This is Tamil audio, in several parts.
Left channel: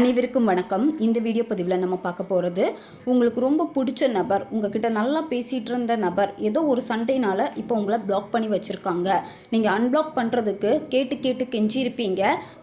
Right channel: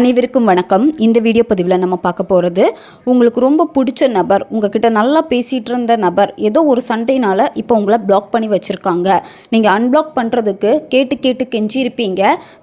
அனைவருக்கும் வணக்கம். இந்த வீடியோ பதிவில் நம்ம பார்க்க போகிறது, உங்களுக்கு ரொம்ப பிடிச்ச நபர், உங்ககிட்ட நல்லா பேசிகிட்டு இருந்த நபர் ஏதோ ஒரு சண்டைனால் இப்போ உங்களை பிளாக் பண்ணி வச்சுருக்காங்க. நீங்கள் அன்பிளாக் பண்ணுறதுக்கு கேட்டு கெஞ்சிருப்பீங்க,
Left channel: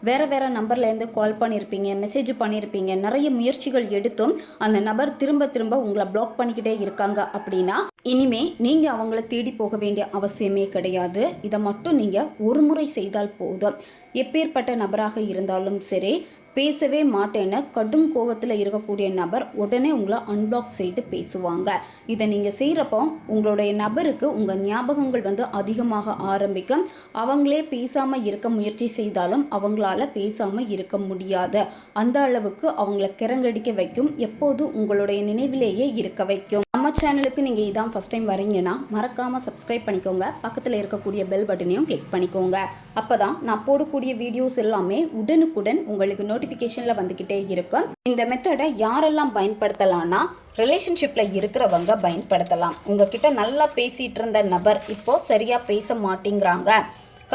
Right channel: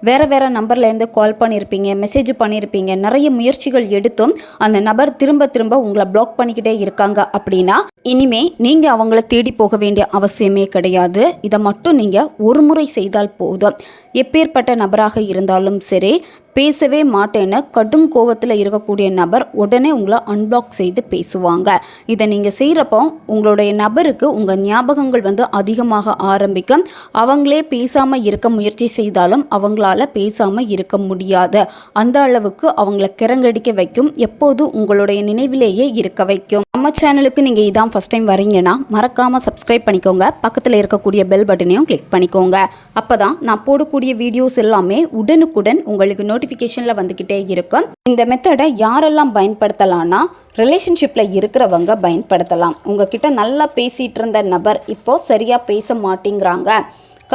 வேறு நம்பர்லேருந்து கால் பண்ணியிருப்பீங்க, மெசேஜ் பண்ணியிருப்பீங்க, நிறைய முயற்சிகள் எடுத்தும் அந்த நபர் திரும்ப உங்களை பிளாக் பண்ணிக்கிட்டே இருக்காங்க. அப்படின்னா இனிமே நீங்கள் அவங்கள தேடி போக வேண்டிய அவசியமே கிடையாது. இதை மட்டும் நீங்கள் ஒரு முறை செய்தால் போதும். எப்பேற்பட்ட நபராக இருந்தாலும் சரி, பேசவே மாட்டேன்னு கடும் கோவத்தில் இருக்கக்கூடிய நபர் உடனே உங்களை அன்பிளாக் செய்து பேசுவாங்க. இதை நீங்கள் செய்கிறப்போ உங்களுடைய நபருக்கு உங்கள் ஞாபகங்கள் அதிகமாக ஆரம்பிக்கும். அவங்களே பேசாமல் இருக்க முயற்சி செய்தாலும் அவங்களால பேசாமல் இருக்க முடியாது. அந்த அளவுக்கு அவங்கள கிறங்கடிக்க வைக்கும், எப்போதும் உங்களுடைய நினைவிலேயே இருக்க வைக்கும். நம்ம சேனலுக்கு நீங்கள் இதான் ஃபஸ்ட் டைம் வரீங்கன்னா மறக்காமல் சப்ஸ்கிரைப் பண்ணிக்கோங்க. பக்கத்தில் இருக்கக்கூடிய பெல் பட்டனையும் கிளிக் பண்ணிக்கோங்க. அப்போ தான் நான் போடக்கூடிய வீடியோஸ் எல்லாமே உடனுக்குடன் உங்களுக்கு நோட்டிஃபிகேஷனில் வந்துக்கிட்டே இருக்கும். இந்த மெத்தடை யாரெல்லாம் பயன்படுத்தலாம்னா, ரிலேஷன்ஷிப்பில் இருக்கிறவங்க பயன்படுத்தலாம். உங்ககிட்ட நல்லா பேசிகிட்டு இருந்த நபர் இப்போது சரியாக பேச மாட்டேங்கிறாங்க,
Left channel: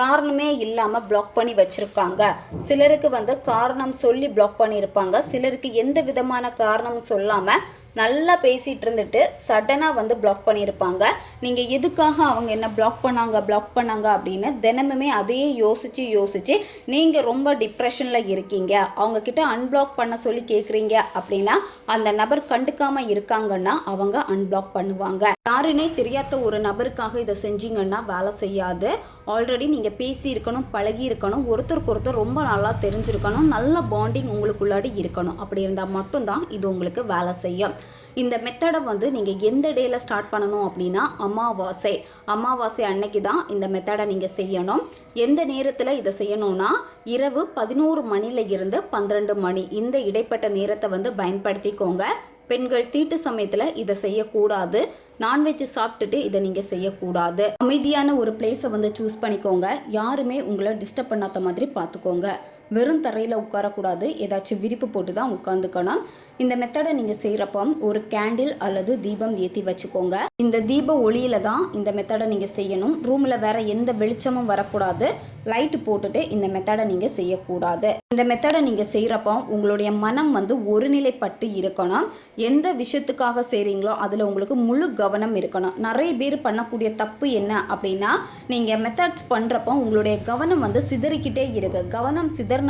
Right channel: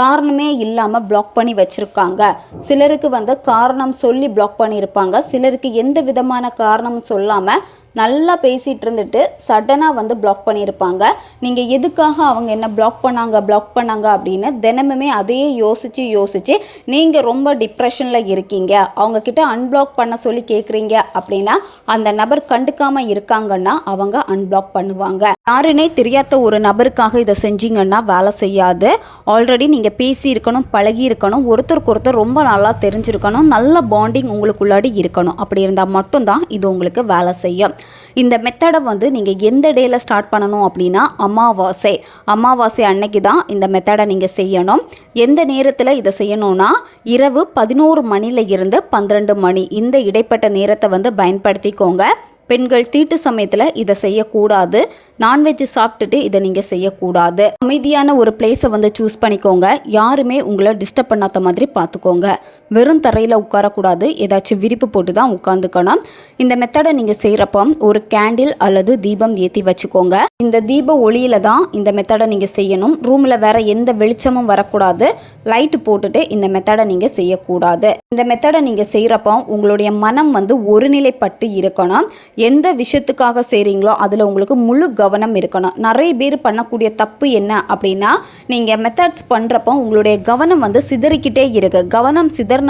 காரணமே இல்லாமல் பிளாக் பண்ணி வச்சுருக்காங்க. சிலருக்கு காரணம் சொல்லி பிளாக் பண்ணியிருப்பாங்க, சிலருக்கு எந்த விதமான காரணம் சொல்லாமல் நல்லா பேசிகிட்டு இருந்துட்டு சடனாக பிளாக் பண்ணியிருப்பாங்க. நீங்கள் எதுக்காக அவங்க என்ன பிளாக் பண்ணாங்க அப்படின்னு தினமுமே அதையே யோசித்து நீங்கள் ரொம்ப டிப்ரெஷனில் இருக்கீங்க. அவங்கக்கிட்ட அன்பிளாக் பண்ண சொல்லி கேட்குறீங்க அப்படின்னா அந்த நபர் கண்டுக்காமல் இருக்காங்கன்னா அவங்க அன்பிளாக் பண்ணுவாங்க. யாருன்னே தெரியாத ஒரு நபருக்காக இதை செஞ்சீங்கன்னா வேலை செய்யாது. ஆல்ரெடி நீங்கள் பேசியிருக்கணும், பழகி இருக்கணும், ஒருத்தருக்கு ரொம்ப நல்லா தெரிஞ்சிருக்கணும், நல்ல பாண்டிங் உங்களுக்குள்ளாடி இருக்கணும். அப்படி இருந்தால் மட்டும்தான் இது உங்களுக்கு வேலை செய்யும். இந்த மெத்தடை நீங்கள் எந்த டேயில் ஸ்டார்ட் பண்ணணும் அப்படின்னா, அமாவாசை அன்னைக்கு தான் இந்த மெத்தடை நீங்கள் செய்யணும். எந்த நேரத்தில் இதை செய்யணும்னா, இரவு 11 மணில இருந்து 12 மணி இந்த இடைப்பட்ட நேரத்தை பயன்படுத்திக்கோங்க. பெண்கள் தீட்டு சமயத்தில் இதை செய்யக்கூடாது. நான்வெஜ் சாப்பிட்டுட்டு இதை நீங்கள் செய்யக்கூடாது. அமைதியான ஒரு பிளேஸை சூஸ் பண்ணிக்கோங்க. யாருமே உங்களை டிஸ்டர்ப் பண்ணாத மாதிரி பார்த்துக்கோங்க. வெறும் தரையில் உட்காரக்கூடாது, ஏதாச்சும் விரிப்பு போட்டு தான் உட்காந்துக்கணும். இந்த மெத்தடை நீங்கள் செய்கிறப்போ ஒரு கேண்டில் அல்லது தீபம் ஏற்றி வச்சுக்கோங்க. இந்த தீப ஒளியில் தான் இந்த மெத்தடை நீங்கள் செய்யணும். ரூமில் வேறு எந்த வெளிச்சமும் வரக்கூடாது. லைட்டு போட்டுட்டு இந்த மெத்தடை நீங்கள் செய்யக்கூடாது. இந்த மெத்தடை நீங்கள் செய்கிறப்போ உங்களுடைய மனம் ஒருநிலைப்பட்டு இருக்கணும். எந்த விஷயத்துக்காக செய்கிறீங்களோ அதில் உங்களுக்கு முழு கவனம் இருக்கணும். நிறைய பேர் பண்ணக்கூடிய தப்பு என்ன அப்படின்னா, நீங்கள் மெத்தட்ஸ் பண்ணுறப்போ உங்களுடைய கவனம் சிதறிக்கிட்டே இருக்கு. கவனம் சிதறினால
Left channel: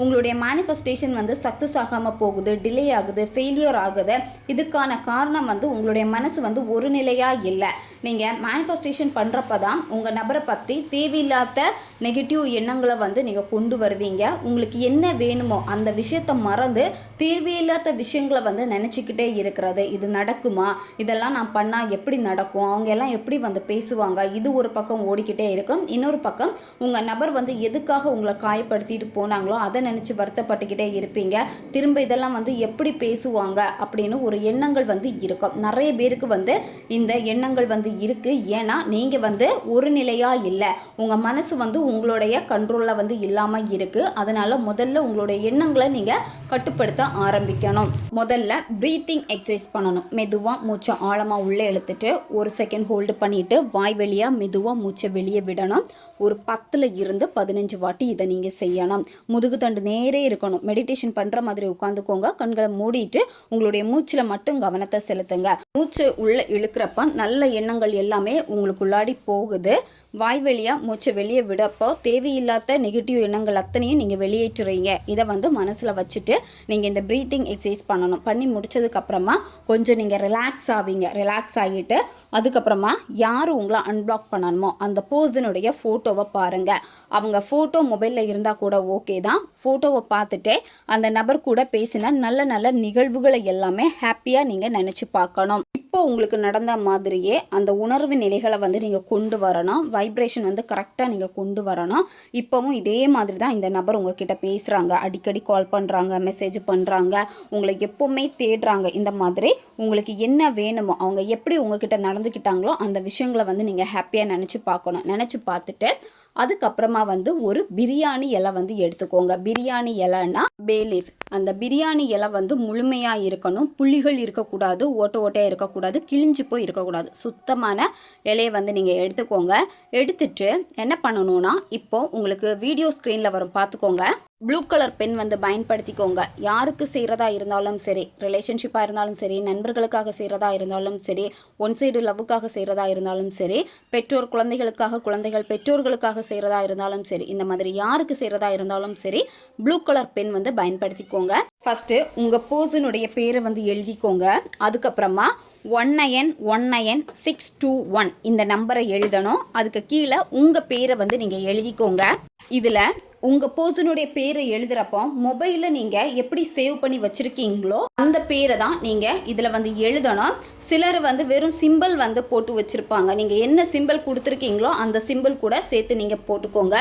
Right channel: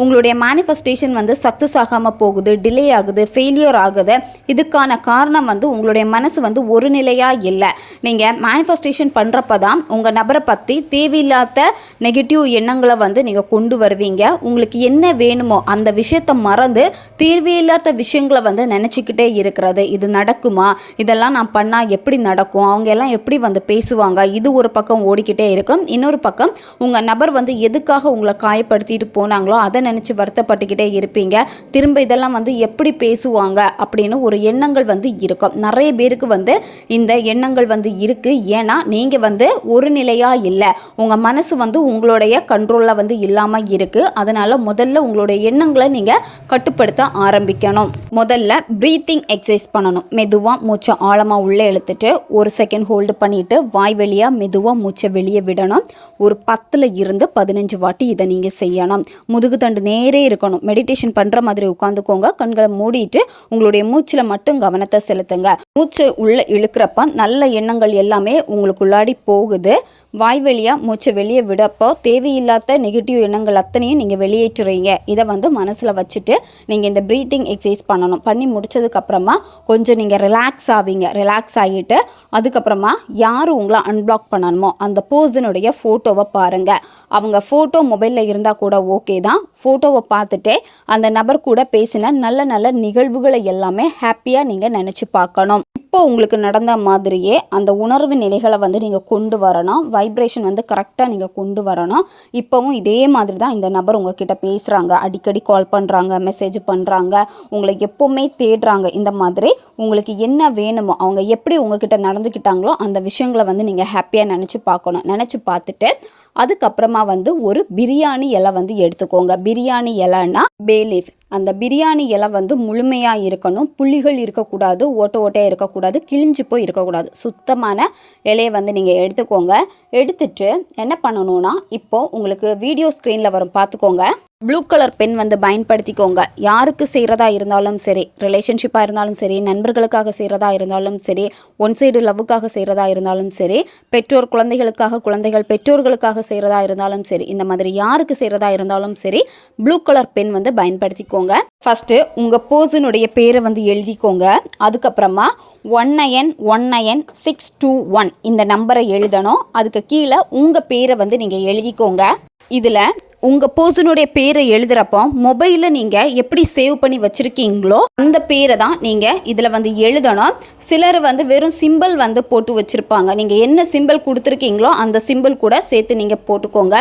உங்களுடைய மேனிஃபெஸ்டேஷன் சக்ஸஸ் ஆகாமல் போகுது, டிலே ஆகுது, ஃபெயிலியர் ஆகுது. இதுக்கான காரணம் உங்களுடைய மனசு ஒரு நிலையாக இல்லை. நீங்கள் மேனிஃபெஸ்டேஷன் பண்ணுறப்ப தான் உங்கள் நபரை பற்றி தேவையில்லாத நெகட்டிவ் எண்ணங்களை நீங்கள் கொண்டு வருவீங்க. உங்களுக்கு என்ன வேணுமோ அந்த விஷயத்தை மறந்து தேவையில்லாத விஷயங்களை நினச்சிக்கிட்டே இருக்கிறது. இது நடக்குமா, இதெல்லாம் நான் பண்ணால் எப்படி நடக்கும், அவங்க எல்லாம் எப்படி பேசுவாங்க, இது ஒரு பக்கம் ஓடிக்கிட்டே இருக்கும். இன்னொரு பக்கம் உங்கள் நபர் எதுக்காக உங்களை காயப்படுத்திட்டு போனாங்களோ அதை நினச்சி வருத்தப்பட்டுக்கிட்டே இருப்பீங்க. திரும்ப இதெல்லாம் எப்படி பேசுவாங்க அப்படின்னு ஒரு எண்ணங்கள் இருக்கும். நிறைய பேருக்கு இந்த எண்ணங்கள் இருக்குது. ஏன்னா நீங்கள் ஒரு நிலையாக இல்லை, உங்கள் மனசு உங்களுடைய கண்ட்ரோலில் இல்லாமல் இருக்குது. அதனால் முதல்ல உங்களுடைய எண்ணங்களை நீங்கள் கட்டுப்படுத்த ஆரம்பிக்கணும். முதல்ல ப்ரீத்திங் எக்ஸசைஸ் பண்ணணும். மெதுவாக மூச்சை ஆழமாக உள்ளே இழுத்துட்டு 1 செகண்ட் ஹோல்டு பண்ணிவிட்டு வாய் வழியாக மெதுவாக மூச்சை வெளியே விடணும். ஒரு 10 இருந்து 15 வாட்டி இதை நீங்கள் செய்யணும். முதுகு தண்டு நேரே இருக்கணும். மெடிடேஷன் பண்ணுற மாதிரி உட்காந்துக்கோங்க. கண்களை மூடிட்டு உங்களுடைய மூச்சில் மட்டும் கவனத்தை செலுத்துங்க. மூச்சை உள்ளே இழுக்கிறப்ப நல்ல எண்ணங்கள் எல்லாமே உங்களுக்குள்ளாடி போகுது. வாய் வழியாக மூச்சை வெளியே விடப்போ தேவையில்லாத நெகட்டிவ் எண்ணங்கள் அத்தனையும் நீங்கள் வெளியேற்றுறீங்க. இதை மனசில் வச்சுட்டு நீங்கள் இந்த ப்ரீத்திங் எக்ஸசைஸ் பண்ணணும். பண்ணி முடிச்சதுக்கப்புறமா கொஞ்சம் நீங்கள் ரிலாக்ஸ் ஆவீங்க. ரிலாக்ஸ் ஆகிட்டு அதுக்கப்புறமா யார் உங்களை அன்பிளாக் பண்ணணுமோ அந்த பர்சனுடைய ஃபோட்டோவை பாருங்கள். அவங்க ஃபோட்டோ மொபைலில் இருந்தால் கூட ஓகே தான். ஃபோட்டோவை பார்த்துட்டே அந்த நபர் கூட பேசின நல்ல நிகழ்வுகளை எல்லாமே ஹாப்பியாக நீங்கள் நினச்சி பார்க்கணும். இப்போ உங்களுக்கு நடந்த மாதிரியே அந்த உணர்வு நிலைகளை நீங்கள் கொண்டு வரணும். வைப்ரேஷன் கரெக்டாக நீங்கள் கொண்டு வரணும். இப்போவும் இதே மாதிரி தான் இந்த நபர் உங்ககிட்ட பேசுகிறாங்க, அடிக்கடி கால் பண்ணுறாங்க, மெசேஜ் பண்ணுறாங்க, உங்களை எப்போவுமே தேடுறாங்க. இந்த மாதிரி உங்களுக்கு என்ன வேணுமோ, அவங்க எப்படி உங்ககிட்ட நடந்துக்கிட்டாங்களோ அந்த விஷயங்களை நீங்கள் ஹாப்பியாக நினச்சி பார்க்கணும். நினச்சி பார்த்துட்டு அதுக்கப்புறமா ஒரு பிரியாணி இலை எடுத்துக்கோங்க. பிரியாணி இலைன்னா பேலீஃப். அந்த பிரியாணி இலை முழுமையாக இருக்கணும். புள்ளிகள் இருக்கக்கூடாது, ஓட்டையாக இருக்கக்கூடாது, கிழிஞ்சு போய் இருக்கக்கூடாது. சுத்தமான இலையை நீங்கள் எடுத்துக்கோங்க. எடுத்துட்டு என்ன பண்ணணும்னா, இப்போது உங்களுக்கு வீடியோ ஸ்க்ரீனில் வரும் பார்த்துக்கோங்க. ப்ளூ கலர் பென் வந்து பயன்படுத்திக்கோங்க. யாருக்கு செய்கிறதா இருந்தாலும் சரி, ரிலேஷன்ஷிப்பாக இருந்தாலும் சரி, நண்பர்களுக்காக செய்கிறதா இருந்தாலும் சரி, ஒன் சைடு லவ்வுக்காக செய்கிறதா இருந்தாலும் சரி, பெற்றோர் குழந்தைகளுக்காக, குழந்தைகள் பெற்றோர்களுக்காக செய்கிறதா இருந்தாலும் சரி, இந்த மாதிரி யாருக்கு செய்கிறதா இருந்தாலும் சரி, ப்ளூ கலர் பென் வந்து பயன்படுத்திக்கோங்க. ஃபஸ்ட்டு உங்கள் பர்சனுடைய பேரை வந்து எழுதிக்கோங்க. அதுக்கப்புறமா 191961 இந்த நம்பரை எழுதணும். அதுக்கு கீழே உங்கள் பேரை வந்து நீங்கள் எழுதிக்கோங்க. இதில் உங்கள் பர்சனுடைய பேரை எழுதுகிறப்போ மொபைலில் நீங்கள் எப்படி சேவ் பண்ணி வச்சுருக்கீங்களோ அந்த பேரை தான் நீங்கள் இதில் வந்து எழுதணும். சிலர் வந்து வெறும் சிம்பிள் வந்து போட்டு வச்சுருப்பாங்க. நீங்கள் என்ன சிம்பிள் கொடுத்துருக்கீங்களோ அந்த சிம்பிள் கூட சேர்த்து நீங்கள் போட்டுக்கோங்க.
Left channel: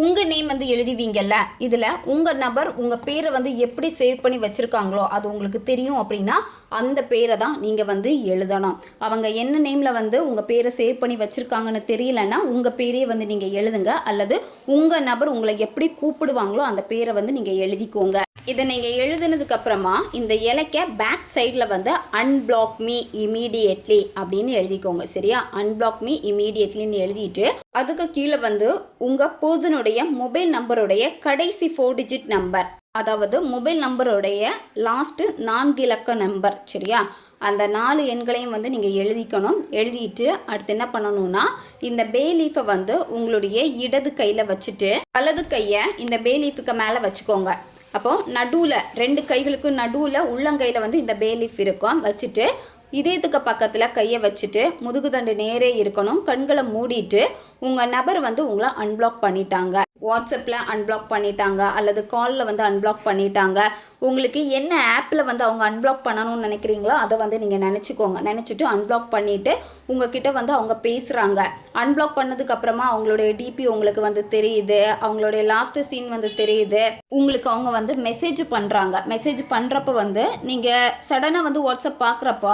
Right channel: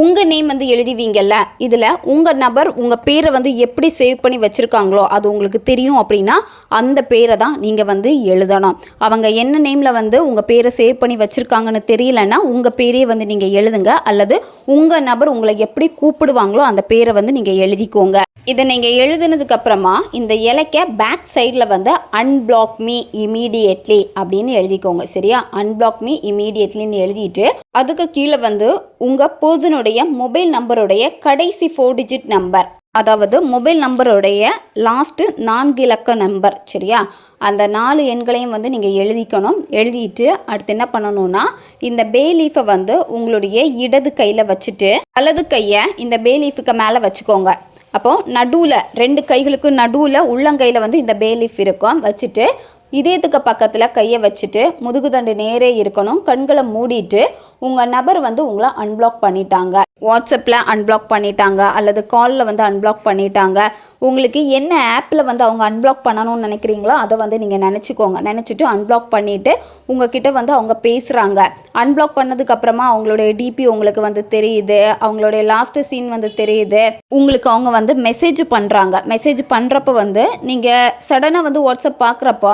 உங்கள் நேம் வந்து எழுதிவீங்கல்ல, இதில் உங்கள் நபர் உங்கள் பேரை வந்து எப்படி சேவ் பண்ணி வச்சுருக்காங்களோ அது உங்களுக்கு தெரியும் அப்படின்னா அந்த பேரை தான் நீங்கள் வந்து எழுதணும். அவங்க என்ன நேமில் வந்து உங்கள் பேரை சேவ் பண்ணி வச்சுருக்காங்கன்னு தெரியலன்னா உங்கள் பேரையே வந்து நீங்கள் எழுதுங்க. அல்லது உங்கள் நபர் உங்களை எப்படி கூப்பிடுவாங்களோ அந்த பேரை வந்து நீங்கள் எழுதிக்கோங்க. இதை நீங்கள் எழுதுனதுக்கப்புறமா இந்த இலைக்க பேக் சைடில் வந்து அன்பிளாக் மீ இமீடியட்லி அப்படின்னு எழுதிக்கோங்க. சரியா? அன்பிளாக் மீ இமீடியட்லின்னு எழுதிட்டு அதுக்கு கீழே வந்து உங்கள் பர்சனுடைய மொபைல் நம்பருடைய கடைசி 4 டிஜிட் நம்பர், அதாவது மொபைல் நம்பருடைய லாஸ்ட்டு 4 இலக்க நம்பர். சரியா? அந்த 4 எண்களையும் வந்து நீங்கள் எழுதிக்கணும். எழுதிட்டு அடுத்து என்ன பண்ணணும்னா இந்த பே லீஃபை வந்து உங்களுடைய இடது கையில் வச்சுட்டு வலது கையை இந்த பே லீஃபுக்கு மேலே வச்சுக்கோங்க. அப்போது நடுவில் 2 கைகளுக்கு நடுவில் உள்ளங்கையில் வந்து இந்த பே லீஃப் இருக்கும். வச்சுட்டு இதயத்துக்கு பக்கத்தில் கையை வச்சுட்டு முதுகுதண்டு நேரே இருக்கணும். கண்களை மூடிட்டு உங்கள் நபர் வந்து உங்களை அன்பிளாக் பண்ணிட்டாங்க, வாட்ஸ்அப்பில் அன்பிளாக் பண்ணிட்டாங்க, அல்லது காலில் வந்து அன்பிளாக் பண்ணிட்டாங்க. உங்களுக்கு என்ன ஆப்பில் வந்து அவங்க அன்பிளாக் பண்ணணும்னு நினைக்கிறீங்களோ அதை வந்து நீங்கள் நினச்சிக்கோங்க. நினச்சிட்டு அன்பிளாக் பண்ணிவிட்டு உங்ககிட்ட வந்து அவங்க பேசுகிறாங்க. அன்பிளாக் பண்ணதுக்கப்புறமா அவங்களுடைய டிபி உங்களுக்கு வந்து தெரியுது, அவங்களுடைய லாஸ்ட்டு சீன் வந்து தெரியுது, உங்களுக்கு அவங்க வந்து மெசேஜ் பண்ணுறாங்க. மெசேஜ் பண்ணுறப்ப வந்து நீங்கள் சடனாக வந்து வாட்ஸ்அப் பார்க்குறப்போ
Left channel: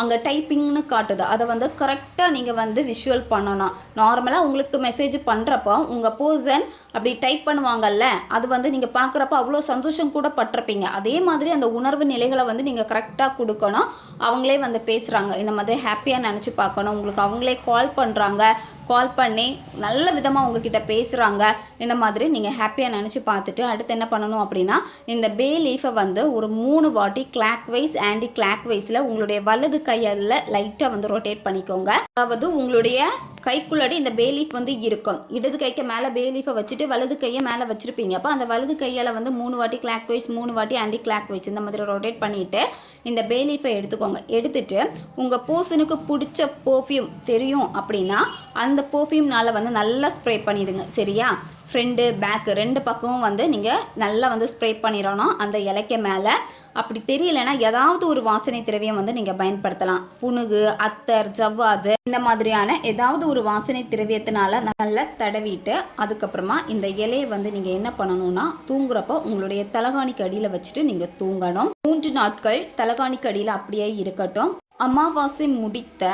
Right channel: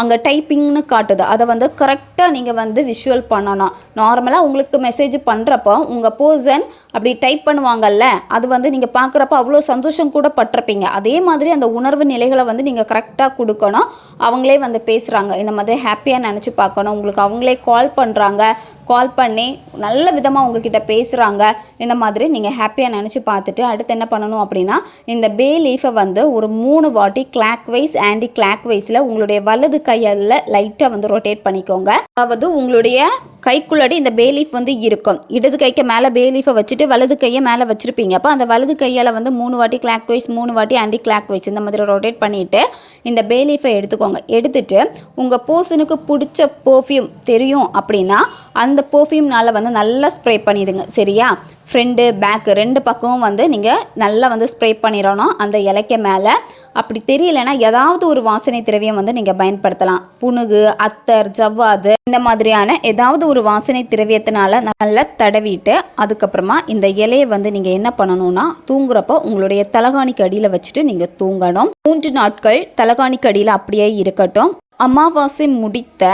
அங்கே டைப்பிங்னு காட்டுது. அதை வந்து கரெக்டாக நீங்கள் வந்து விஷுவல் பண்ணணும். நார்மலாக உங்களுக்கு மெசேஜ் பண்ணுறப்போ உங்கள் பர்சன் அப்படி டைப் பண்ணுவாங்கல்ல, அது வந்து நீங்கள் பார்க்குறப்ப அவ்வளோ சந்தோஷம் கூட பட்டிருப்பீங்க. அதே மாதிரி அந்த உணர்வு நிலைகளை வந்து நீங்கள் கரெக்டாக கொடுக்கணும். அவங்களே வந்து பேசுகிறாங்க இந்த மாதிரி ஹாப்பியாக நினச்சி பார்க்கணும். உங்களுக்கு அவங்களே கால் பண்ணுறாங்க, கால் பண்ணி நல்ல விதமாக உங்ககிட்ட பேசுகிறாங்க. இந்த மாதிரி நீங்கள் ஹாப்பியாக நினச்சி பார்த்துட்டு அடுத்து என்ன பண்ணணும் அப்படின்னா இந்த பே லீஃபை வந்து ஒரு 3 வாட்டி கிளாக் வைஸ் ஆன்டி கிளாக் வைஸில் உங்களுடைய வலது கையால் லைட்டாக வந்து ரொட்டேட் பண்ணிக்கோங்க. அதாவது உங்களுடைய கைக்குள்ளாடி இந்த பே லீஃப் வந்து இருக்கும். இடது கைக்கு மேலே பே லீஃபை வச்சுட்டு வலது கையை மேலே வச்சுருப்பீங்க. அப்போ அந்த வலது கையால் வந்து 3 வாட்டி கிளாக் வைஸ் 3 வாட்டி ஆன்டி கிளாக் வைஸ் இந்த மாதிரி ரொட்டேட் பண்ணிவிட்டு இந்த பே லீஃபை எடுத்துக்கோங்க. எடுத்துட்டு உங்கள் பர்சனுக்கு பிடிச்ச பர்ஃப்யூம் தெரியும் அப்படின்னா அந்த பர்ஃப்யூம்னால் வந்து நல்லா ஸ்ப்ரே பண்ணிடுங்க. சரியா? ஃப்ரண்ட்டு பேக்கு 2 பக்கமும் வந்து நீங்கள் நல்லா வந்து ஸ்ப்ரே பண்ணிடணும் அந்த இலைக்க மேலே. அப்படி தெரியலைன்னா ஏதாவது ஒரு வாசனை திரவியம் வந்து நீங்கள் பயன்படுத்தலாம். புனுகு, அத்தர், ஜவ்வாது இந்த மாதிரியான ஏதாவது ஒரு வாசனை திரவியத்தினால நல்லா தடவிட்டு அதுக்கப்புறமா இந்த இலையை வந்து நீங்கள் என்ன பண்ணணும்னா தூங்குறப்போ உங்களுடைய தலகாணிக்கு அடியில் வச்சுட்டு நீங்கள் தூங்கணும். 3 நாட்கள் தலகாணிக்கு அடியில் அப்படியே இருக்கட்டும். அமாவாசை முடித்த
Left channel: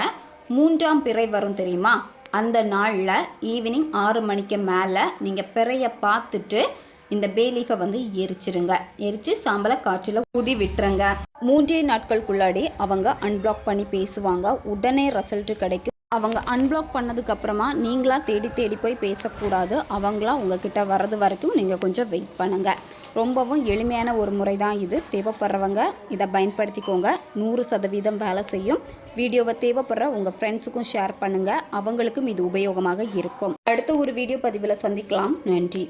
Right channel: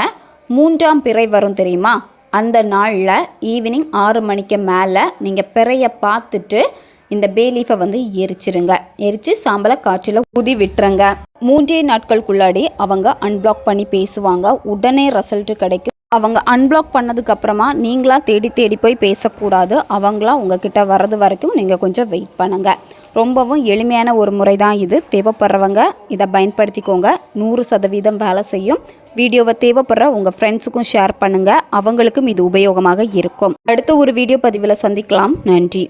3ஆம் பிறை வரும் தெரியுமா? அந்த நாளில் ஈவினிங் 6 மணிக்கு மேலே நீங்கள் பிறையை பார்த்துட்டு இந்த பே லீஃபை வந்து எரிச்சிருங்க. எரித்து சாம்பலை காற்றில் ஊதி விட்டுருங்க. 3 நாட்களுக்குள்ளாடி அவங்க அன்பிளாக் பண்ணி பேசுவாங்க. உடனே ரிசல்ட்டு கிடைக்கும். அவங்க அன்பிளாக் பண்ணதுக்கப்புறமா நீங்களாக தேடி போய் பேசக்கூடாது. அவங்களா உங்ககிட்ட வர்றது வரைக்கும் நீங்கள் கொஞ்சம் வெயிட் பண்ணுங்கள். ரொம்பவும் எளிமையான ஒரு முறை தான் இது. தேவைப்படுறவங்க இதை பயன்படுத்திக்கோங்க. 100% வேலை செய்யும். வீடியோவை தேவைப்படுற உங்கள் ஃப்ரெண்ட்ஸுக்கும் ஷேர் பண்ணுங்கள். அவங்களுக்கும் இது உபயோகமாக இருக்கும். அடுத்த ஒரு வீடியோ பதிவில் சந்திக்கலாம். நன்றி.